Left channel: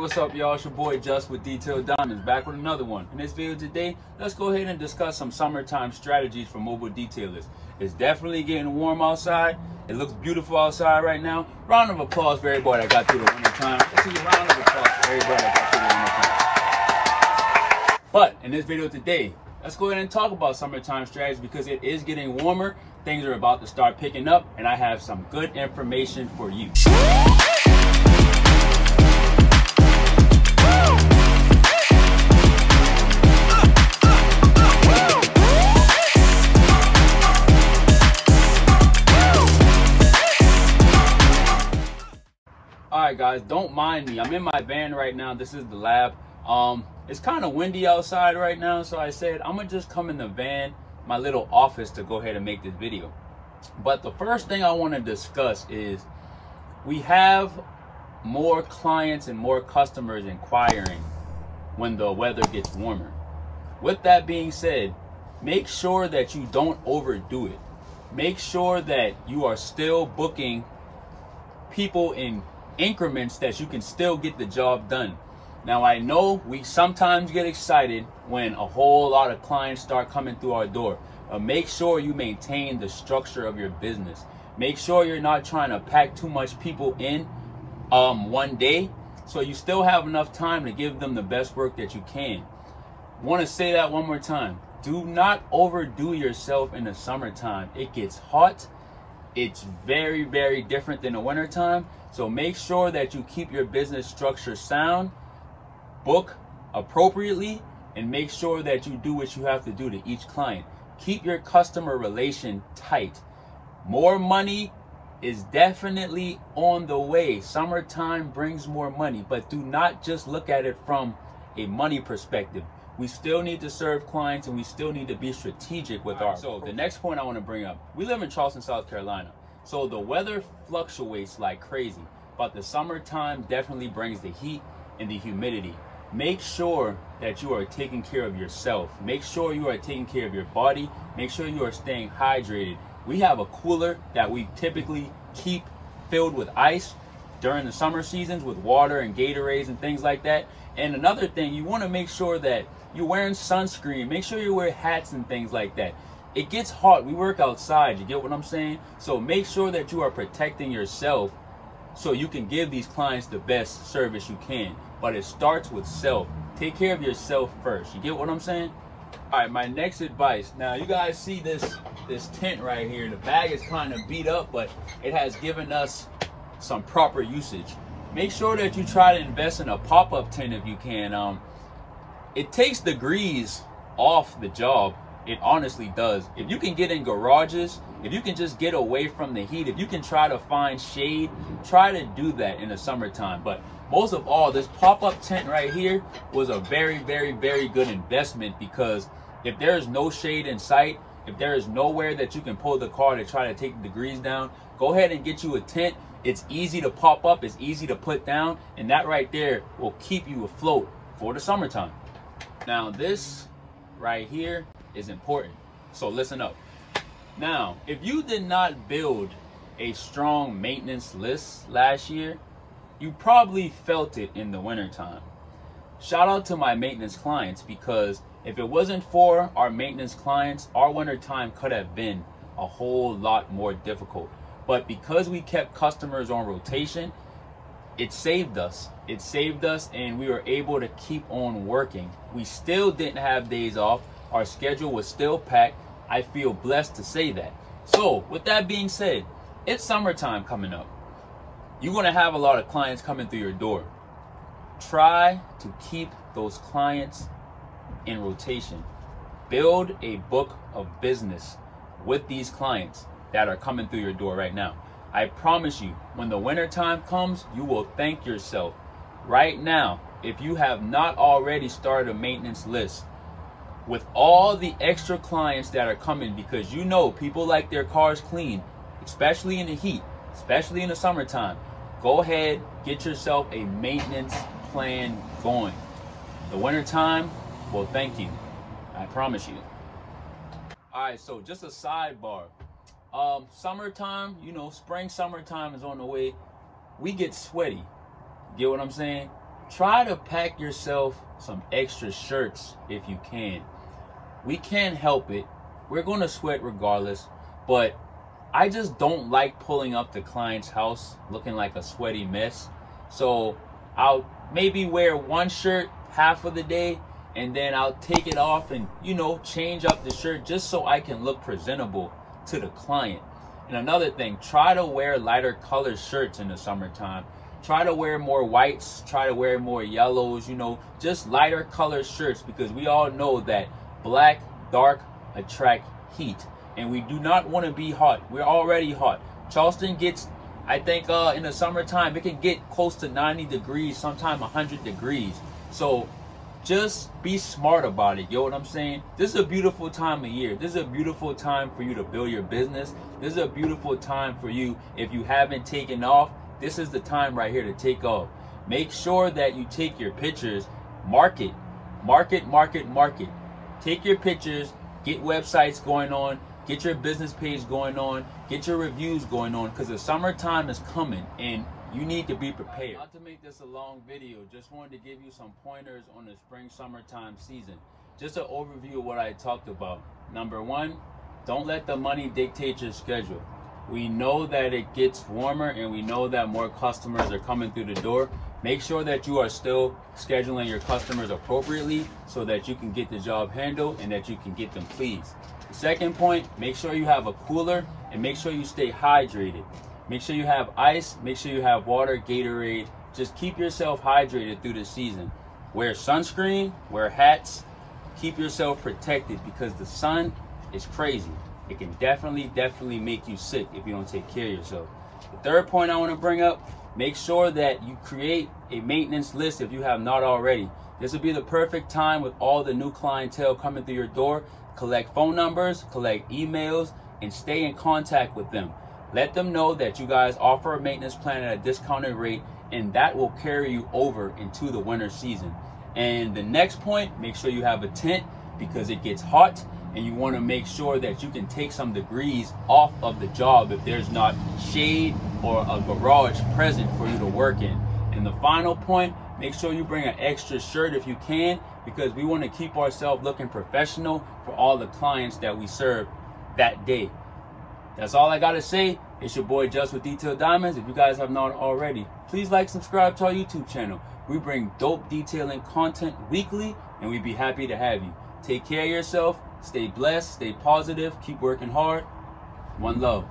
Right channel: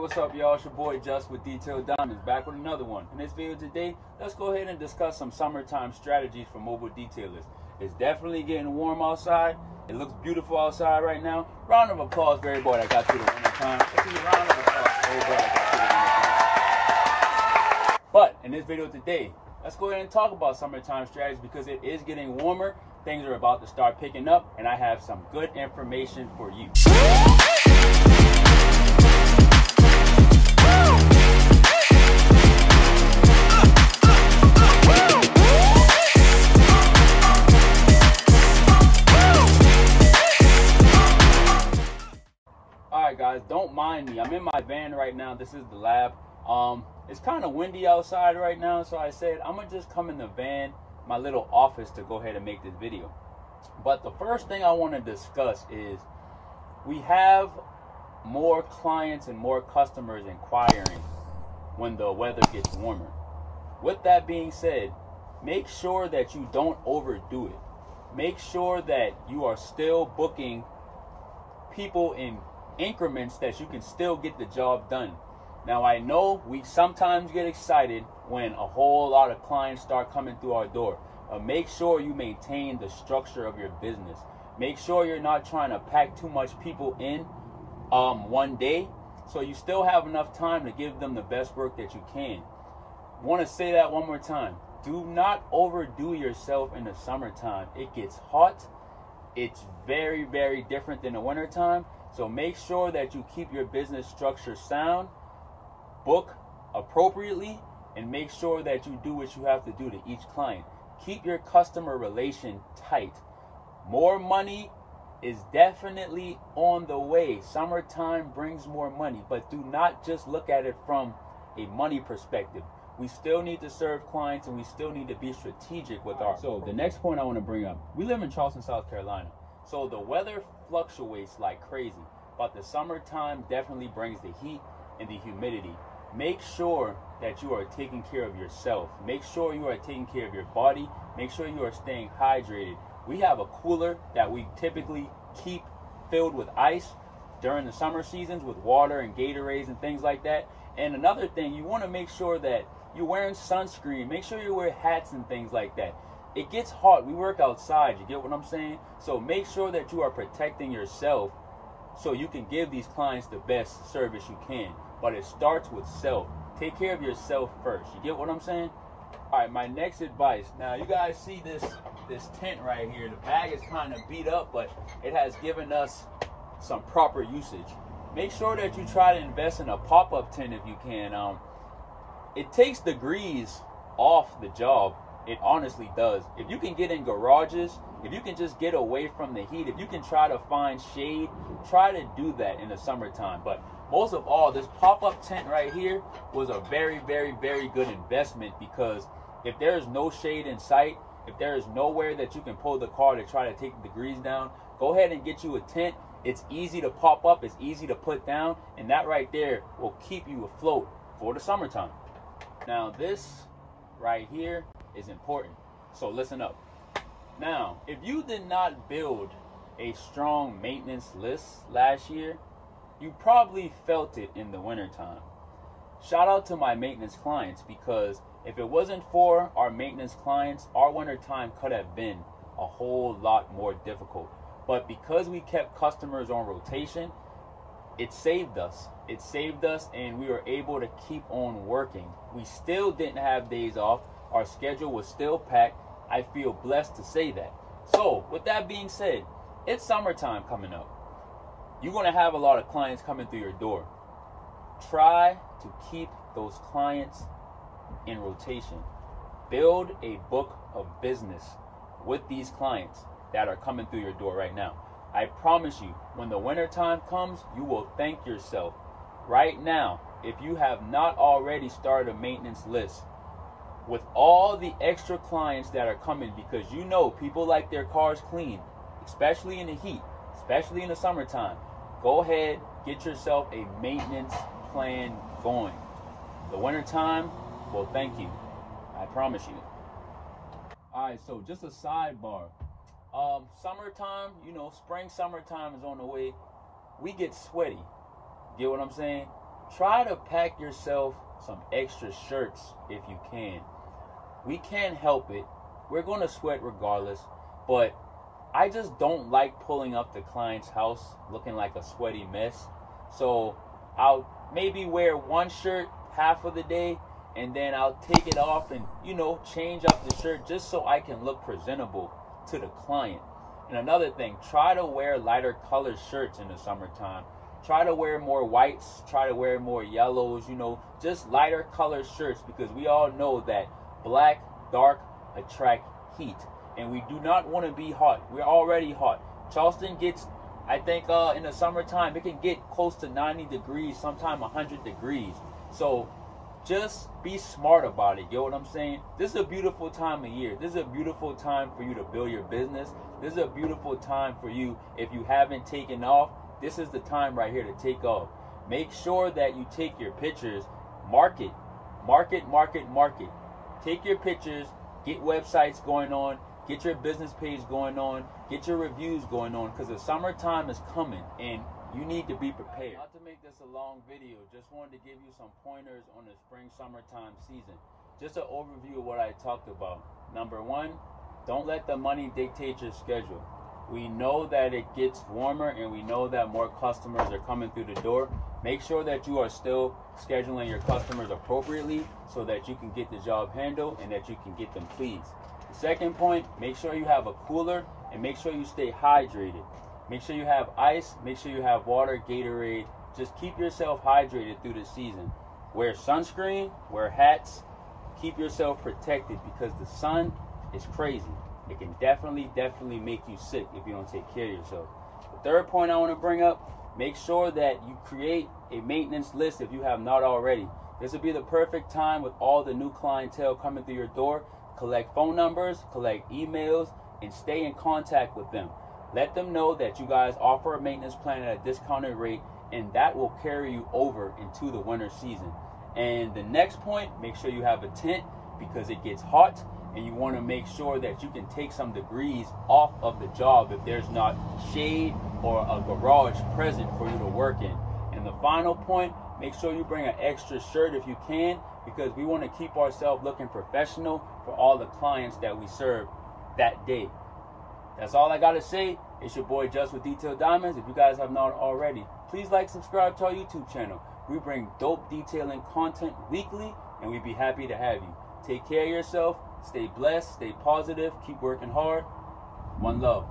What's up, y'all? It's your boy Just with Detailed Diamonds, back with another one. In this video today, let's go ahead and discuss some summertime strategies for mobile detailers. It's definitely getting warm outside. It looks beautiful outside right now. Round of applause for everybody that got through the winter time. Let's see, round of applause for everybody that got through the winter time. But in this video today, let's go ahead and talk about summertime strategies because it is getting warmer. Things are about to start picking up, and I have some good information for you. Alright guys, don't mind me. I'm in my van right now. This is the lab. It's kind of windy outside right now, so I said I'm gonna just come in the van, my little office, to go ahead and make this video. But the first thing I want to discuss is we have more clients and more customers inquiring when the weather gets warmer. With that being said, make sure that you don't overdo it. Make sure that you are still booking people in increments that you can still get the job done. Now, I know we sometimes get excited when a whole lot of clients start coming through our door, but make sure you maintain the structure of your business. Make sure you're not trying to pack too much people in one day, so you still have enough time to give them the best work that you can. Want to say that one more time. Do not overdo yourself in the summertime. It gets hot. It's very, very different than the wintertime. So make sure that you keep your business structure sound, book appropriately, and make sure that you do what you have to do to each client. Keep your customer relation tight. More money is definitely on the way. Summertime brings more money, but do not just look at it from a money perspective. We still need to serve clients, and we still need to be strategic with our. So the next point I want to bring up, we live in Charleston, South Carolina. So the weather fluctuates like crazy, but the summertime definitely brings the heat and the humidity. Make sure that you are taking care of yourself. Make sure you are taking care of your body. Make sure you are staying hydrated. We have a cooler that we typically keep filled with ice during the summer seasons with water and Gatorades and things like that. And another thing, you want to make sure that you're wearing sunscreen. Make sure you wear hats and things like that. It gets hot. We work outside. You get what I'm saying? So make sure that you are protecting yourself so you can give these clients the best service you can. But it starts with self. Take care of yourself first. You get what I'm saying? All right, my next advice. Now, you guys see this tent right here. The bag is kind of beat up, but it has given us some proper usage. Make sure that you try to invest in a pop-up tent if you can. It takes the grease off the job. It honestly does. If you can get in garages, if you can just get away from the heat, if you can try to find shade, try to do that in the summertime. But most of all, this pop-up tent right here was a very, very, very good investment, because if there is no shade in sight, if there is nowhere that you can pull the car to try to take the degrees down, go ahead and get you a tent. It's easy to pop up, it's easy to put down, and that right there will keep you afloat for the summertime. Now, this right here is important, so listen up. Now, if you did not build a strong maintenance list last year, you probably felt it in the wintertime. Shout out to my maintenance clients, because if it wasn't for our maintenance clients, our wintertime could have been a whole lot more difficult. But because we kept customers on rotation, it saved us. It saved us, and we were able to keep on working. We still didn't have days off. Our schedule was still packed. I feel blessed to say that. So with that being said, it's summertime coming up. You're going to have a lot of clients coming through your door. Try to keep those clients in rotation. Build a book of business with these clients that are coming through your door right now. I promise you, when the winter time comes, you will thank yourself. Right now, if you have not already started a maintenance list with all the extra clients that are coming, because you know people like their cars clean, especially in the heat, especially in the summertime, go ahead, get yourself a maintenance plan going. The winter time will thank you. I promise you. All right, so just a sidebar. Summertime, spring, summertime is on the way. We get sweaty. Get what I'm saying? try to pack yourself some extra shirts if you can. We can't help it. We're going to sweat regardless, but I just don't like pulling up the client's house looking like a sweaty mess. So I'll maybe wear one shirt half of the day, and then I'll take it off and, you know, change up the shirt just so I can look presentable to the client. And another thing, try to wear lighter colored shirts in the summertime. Try to wear more whites, try to wear more yellows, you know, just lighter colored shirts, because we all know that black, dark attract heat. And we do not want to be hot. We're already hot. Charleston gets, I think in the summertime, it can get close to 90 degrees, sometimes 100 degrees. So just be smart about it. You know what I'm saying? This is a beautiful time of year. This is a beautiful time for you to build your business. This is a beautiful time for you. If you haven't taken off, this is the time right here to take off. Make sure that you take your pictures, market. Take your pictures, get websites going on, get your business page going on, get your reviews going on, because the summertime is coming and you need to be prepared. Not to make this a long video, just wanted to give you some pointers on the spring summertime season. Just an overview of what I talked about. Number one, don't let the money dictate your schedule. We know that it gets warmer and we know that more customers are coming through the door. Make sure that you are still scheduling your customers appropriately so that you can get the job handled and that you can get them pleased. The second point, make sure you have a cooler and make sure you stay hydrated. Make sure you have ice, make sure you have water, Gatorade. Just keep yourself hydrated through the season. Wear sunscreen, wear hats, keep yourself protected, because the sun is crazy. It can definitely make you sick if you don't take care of yourself. The third point I want to bring up, make sure that you create a maintenance list if you have not already. This would be the perfect time with all the new clientele coming through your door. Collect phone numbers, collect emails, and stay in contact with them. Let them know that you guys offer a maintenance plan at a discounted rate, and that will carry you over into the winter season. And the next point, make sure you have a tent, because it gets hot and you want to make sure that you can take some degrees off of the job if there's not shade or a garage present for you to work in. And the final point, make sure you bring an extra shirt if you can, because we want to keep ourselves looking professional for all the clients that we serve that day. That's all I got to say. It's your boy Just with Detailed Diamonds. If you guys have not already, please like, subscribe to our YouTube channel. We bring dope detailing content weekly, and we'd be happy to have you. Take care of yourself, stay blessed, stay positive, keep working hard. One love.